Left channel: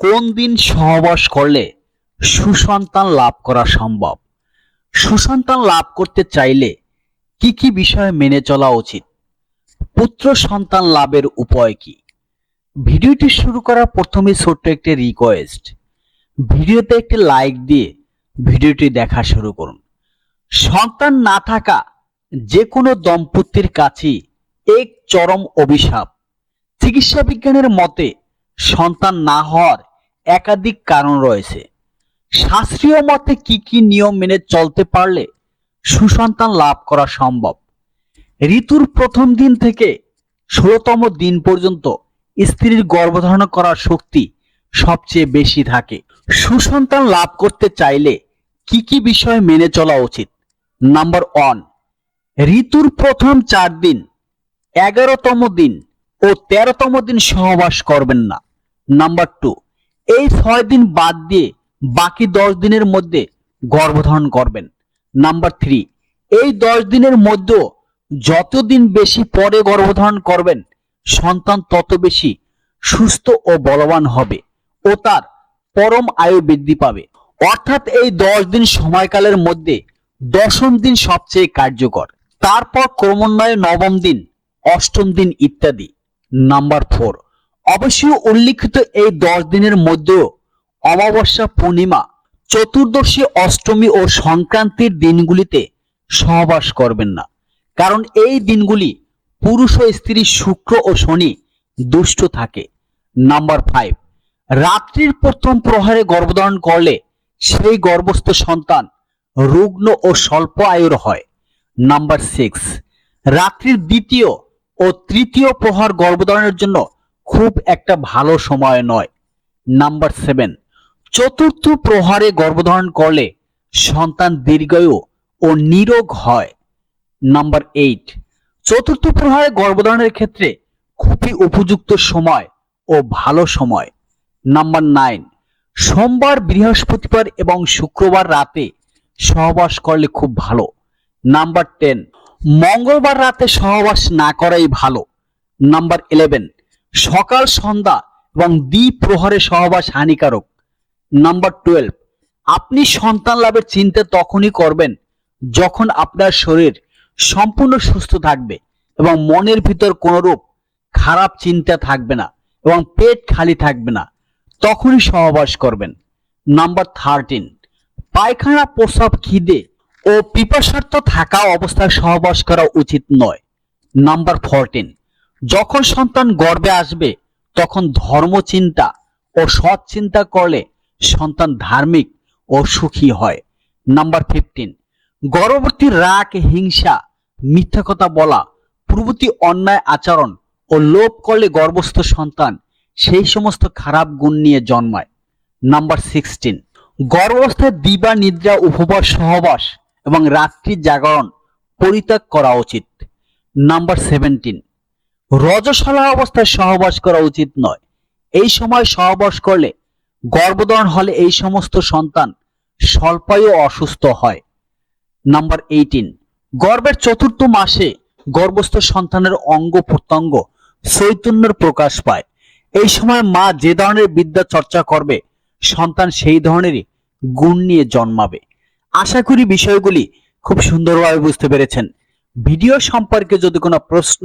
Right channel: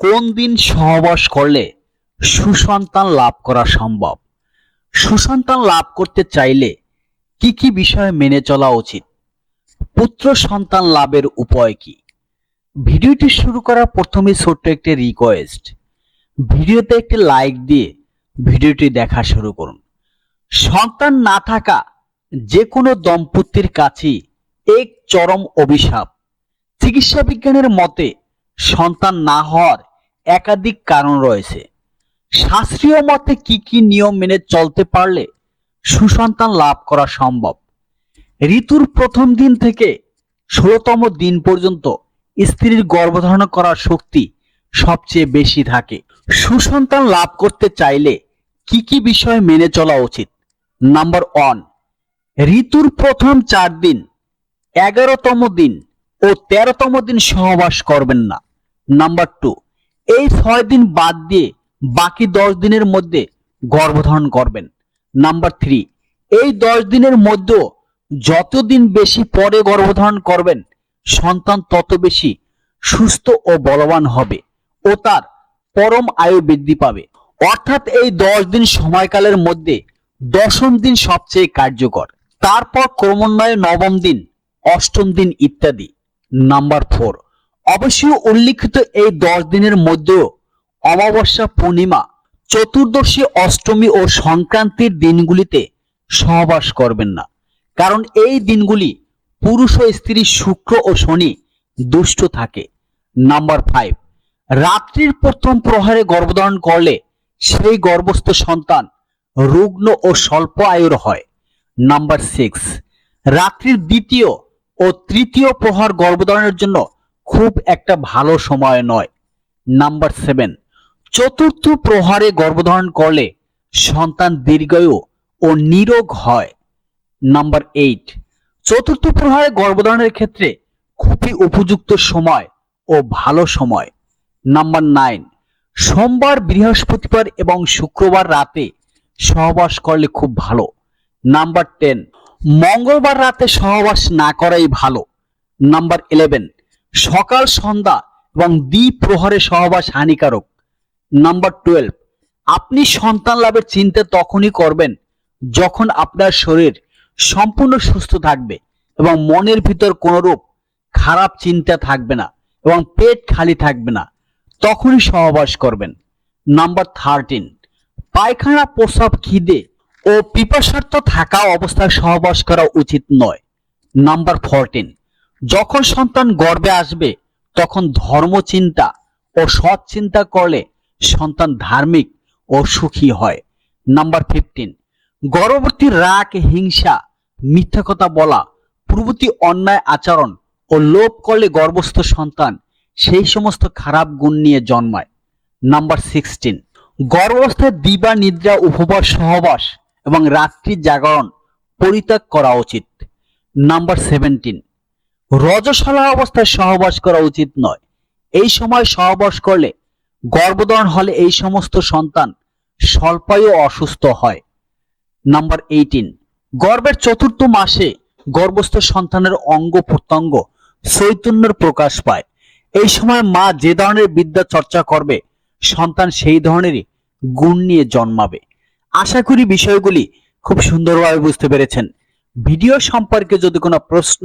কোন দিন সহবাস করলে সুসন্তান লাভ করা সম্ভব? সুসন্তান লাভ করতে চাইলে কি কি বিষয় মেনে চলা উচিত? পুত্র সন্তান লাভের উপায় কি? ভিডিওটি শুরু করার প্রথমে ছোট্ট একটি রিকোয়েস্ট ভিডিওতে একটি লাইক দিয়ে ভিডিওটি দেখা শুরু করুন। সন্তান না থাকা যে কোনো দম্পতির কাছেই এক চরম অভিশাপ। চিকিৎসা বিজ্ঞানের মতে সন্তান না হওয়ার একাধিক কারণ রয়েছে। শাস্ত্রীয় মতে কি কি নিয়ম মেনে চলতে পারলে সুসন্তান লাভ করা সম্ভব? ঋতুর প্রথম দিন থেকে ষোলতম দিন পর্যন্ত স্ত্রীর গর্ভধারণ করার শক্তি সবচেয়ে বেশি থাকে। সুসন্তান লাভ করতে চাইলে কি কি বিষয় মেনে চলা উচিত? নাম্বার ওয়ান ঋতুর প্রথম চার দিন, এগারোতম দিন ও তেরোতম দিন সহবাস করবেন না। নাম্বার টু এই ছয় দিন বাদ দিয়ে বাকি দশ দিনের মধ্যে গর্ভধারণ করবেন। নাম্বার থ্রি এই দশ দিনের মধ্যেও যতদিন বেশি পরে গর্ভধারণ করবেন, সন্তান তত বেশি সুস্থ ও বলবান হবে ও তার পরম আয়ু বৃদ্ধি পাবে। অর্থাৎ এই দশ দিন সময়কালের মধ্যে দশম দিন সবচেয়ে কার্যকর। তারপর ক্রমান্বয়ে নবম দিন, অষ্টম দিন ইত্যাদি। নাম্বার ফোর অবশ্যই উল্লিখিত এই দশ দিনের মধ্যেও অমাবস্যা পূর্ণিমা, চতুর্দশী অষ্টমী ও সংক্রান্তির দিনগুলিতে সহবাস করবেন না। কারণ এই দিনগুলি পুরুষ ও স্ত্রী শুক্র ও শনি দুষ্ট থাকে। নাম্বার ফাইভ রাত্রির প্রথম প্রহারে গর্ভধারণ করলে সেই গর্ভস্থ সন্তান রুগ্ন ও স্বল্প আয়ুর হয়। নাম্বার সিক্স রাত্রির দ্বিতীয় ও তৃতীয় প্রহার গর্ভধারণের জন্য খুব একটা ভালো সময় নয়। নাম্বার সেভেন চতুর্থ প্রহারে গর্ভধারণ করলে সন্তান দীর্ঘায়ু ও নিরোগ হয়। নাম্বার এইট চতুর্থ প্রহারে গর্ভধারণের ক্ষেত্রে খুবই উপযুক্ত সময় ও ভালো সময়। নাম্বার নাইন সোমবার, বৃহস্পতিবার এবং শুক্রবার রাতে সহবাস করলে খুব ভালো। নাম্বার টেন মঙ্গলবার রাতে সহবাস না করাই ভালো। নাম্বার ইলেভেন সকাল সন্ধ্যা এবং দ্বি প্রহরে সহবাস হানিকারক। নাম্বার টুয়েলভ আপনি সন্তান লাভের চিন্তা তখনই করবেন যখন আপনার শরীর সম্পূর্ণ সুস্থ থাকবে এবং মনের ভিতর কোনরূপ খারাপ চিন্তা থাকবে না এবং পেট খালি থাকবে না। তখনই সহবাস করবেন। নাম্বার থার্টিন পায়খানা প্রস্রাব খিদে ও পিপাসার্থ থাকা অবস্থায় সহবাস করা উচিত নয়। নাম্বার ফোরটিন যখন সন্তান গর্বে আসবে, তখন ধর্ম চিন্তা ও সৎ চিন্তা করলে সন্তান ধার্মিক ও সুখী হয়। নাম্বার ফিফটিন গর্ভবতী রাগ, হিংসা, মিথ্যা কথা বলা, প্রভৃতি অন্যায় আচরণ ও লোভ করলে গর্ভস্থ সন্তান সেই সমস্ত খারাপ গুণ নিয়ে জন্মায়। নাম্বার সিক্সটিন গর্ভস্থ দিবা, নিদ্রা, উপবাস, সহবাস এবং রাত্রি জাগরণ, পরিত্যাগ করা উচিত। নাম্বার সেভেন্টিন রজস্বলা অবস্থায় সহবাস করা উচিত নয়। এই সময় সহবাস করলে গর্ভধারণ হলে এই সমস্ত সন্তান স্বল্পায়ু অসুস্থ হয়। নাম্বার এইটিন গর্ভের চতুর্থ মাসে গর্ভস্থ সন্তানের অঙ্গ প্রত্যঙ্গ চৈতন্যের প্রকাশ পায়। এই সময় মা যে ধরনের বিদ্যা চর্চা করবে, সন্তান সেই ধরনেরই গুণ নিয়ে জন্মাবে। আশা করি বিষয়গুলি খুব সুন্দরভাবে বুঝতে পেরেছেন। ভিডিও সম্পর্কে যদি কোনো প্রশ্ন